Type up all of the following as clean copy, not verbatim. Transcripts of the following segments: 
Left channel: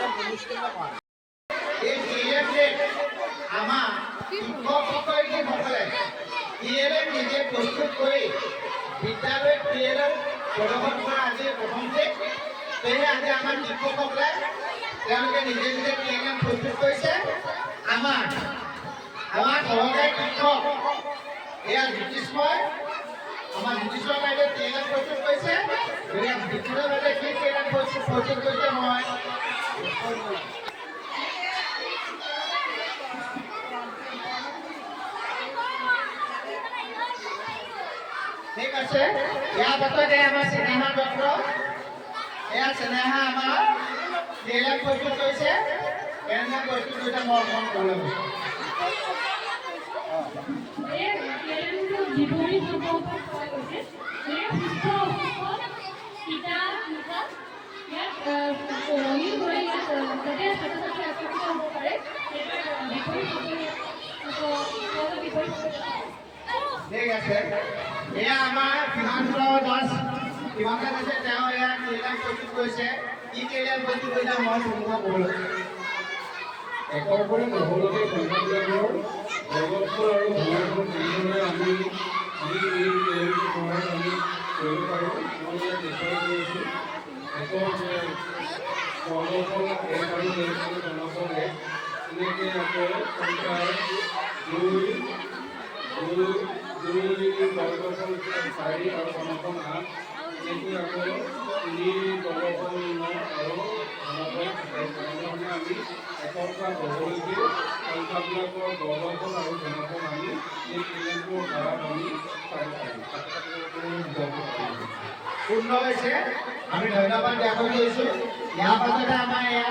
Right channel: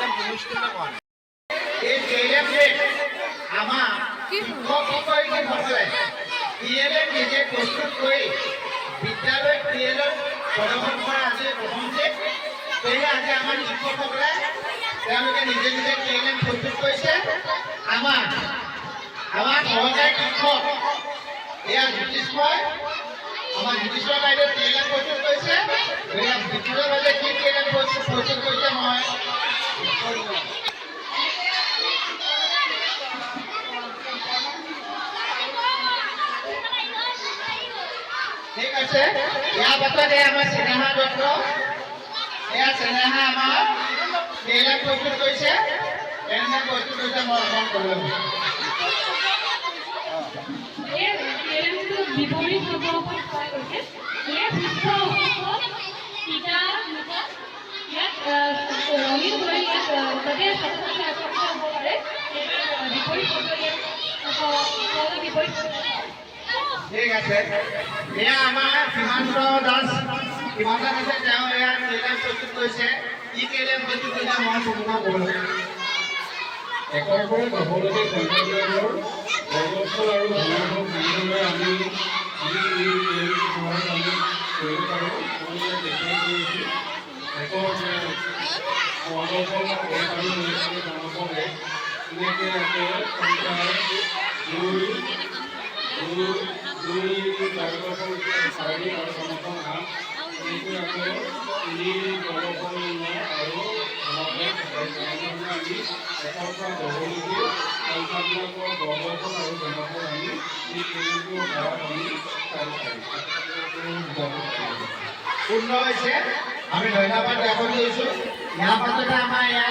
এই টিএলএমে আমাৰ শিক্ষকসকলে টিএলএম নিজে প্ৰস্তুত কৰি বিদ্যালয়ত টিএলএম প্ৰদৰ্শন কৰা আজি প্ৰথম দিন। সেয়ে আজি আমাৰ শিক্ষকসকলে তেওঁলোকে নিজে নিজে টিএলএম প্ৰস্তুত কৰিছে। আমাৰ সহকাৰী শিক্ষক এয়া জ্যোতিষ্ময়, আমাৰ জ্যোতিষ্ময় বাইদেউ টিএলএম প্ৰস্তুত কৰিছে। জ্যোতিষ্ময় বাইদেৱে কি টিএলএম প্ৰস্তুত কৰিছে মই ঠিক আছে। ইয়াৰ পাছতে আমাৰ স্নেহা দত্ত, এয়া স্নেহা আমাৰ টিএলএম প্ৰস্তুত কৰিছে। কেনেকৈ প্ৰস্তুত কৰিছে মই অকণমান ক'বলৈ বিপৰীত সম্পৰ্ক কৰা গৈছে। সুস্থ ইয়াত ৰঙীন কৰি ইয়াত যাতে ছাত্ৰ ছাত্ৰী আকৰ্ষিত হ'ব পাৰে বিপৰীত ঠিক আছে। এয়া আমাৰ সীমান্ত দাস তেওঁ এয়া টিএলএম প্ৰস্তুত কৰিছে। কি টিএলএম প্ৰস্তুত কৰিছে মই সম্পূৰ্ণ ক'বলৈ একৰ পৰা 10লৈকে সংখ্যা বিভাগৰ বৰ্গফল আৰু ঘনফল কেনেদৰে আমি এই সহায়ত আমি কৰিব পাৰোঁ মই ইয়াত দেখুৱাই কৰিছোঁ। একৰ বৰ্গফল আৰু ঘনফল 1 এনেকৈ আকৌ সংখ্যা 2 বৰ্গফল 4 আৰু ঘনফল 8 এনেকৈ আকৌ 3 বৰ্গফল 9 আৰু আমি একৰ পৰা 10লৈকে সংখ্যাবিলাকৰ বৰ্গফল আৰু ঘনফল আমি এই টিএলএমটোৰ দ্বাৰা আমি চাব পাৰিম। পূৰ্ণ হৈছে। আমি ধন্যবাদ জ্ঞাপন কৰিছোঁ। ইয়াৰ পাছতে আমাৰ এয়া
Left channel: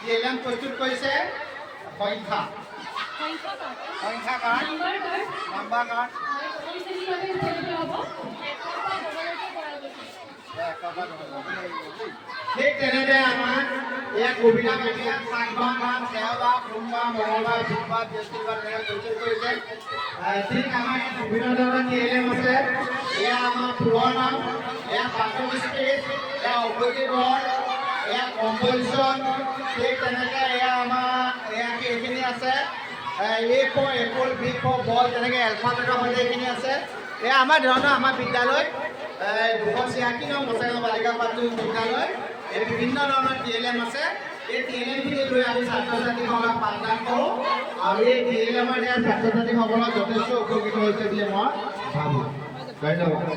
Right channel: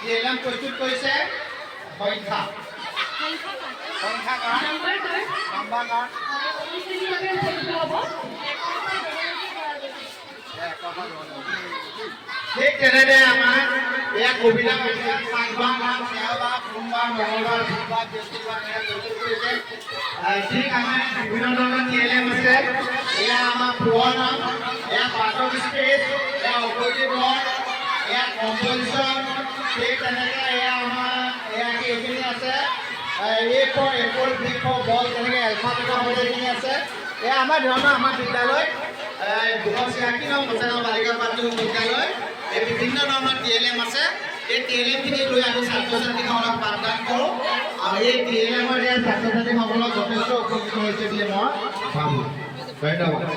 টিএলএম প্ৰস্তুত কৰিছে সংখ্যাকাৰ নাম্বাৰ কাৰ্ড ঠিক তেনেদৰে আমাৰ এয়া কবিতা সোমবাৰ, মঙলবাৰ, বুধবাৰ, বৃহস্পতিবাৰ প্ৰস্তুত কৰিছে। ঠিক আমাৰ বিভিন্ন ধৰণৰ টিএলএম আছে। এয়া আমাৰ পুৰণা, এয়া পাঠক স্পেচ, এয়া অপজিট ৰড, এয়া কম্পজিশ্যন। ঠিক তেনেকৈ এয়া আমাৰ এইখিনি আছে। A4 এপল, B4 বল, তেনেকৈ এলফাবেটৰ সৈতে এইখিনি আছে। এয়া আমাৰ ধৰণৰ আমাৰ বিদ্যালয় 286 নং গোচাইগাঁও বালিকা প্ৰাথমিক বিদ্যালয় এই বিভিন্ন ধৰণৰ টিএলএম আছে। এই টিএলএমখিনি লৈ আমি ছাত্ৰ ছাত্ৰীসকলক পাঠদান কৰোঁ আৰু এই টিএলএমৰ ছাত্ৰ ছাত্ৰীসকলক যথেষ্ট উপকৃত হৈছে বুলি মই ভাবোঁ। ধন্যবাদ।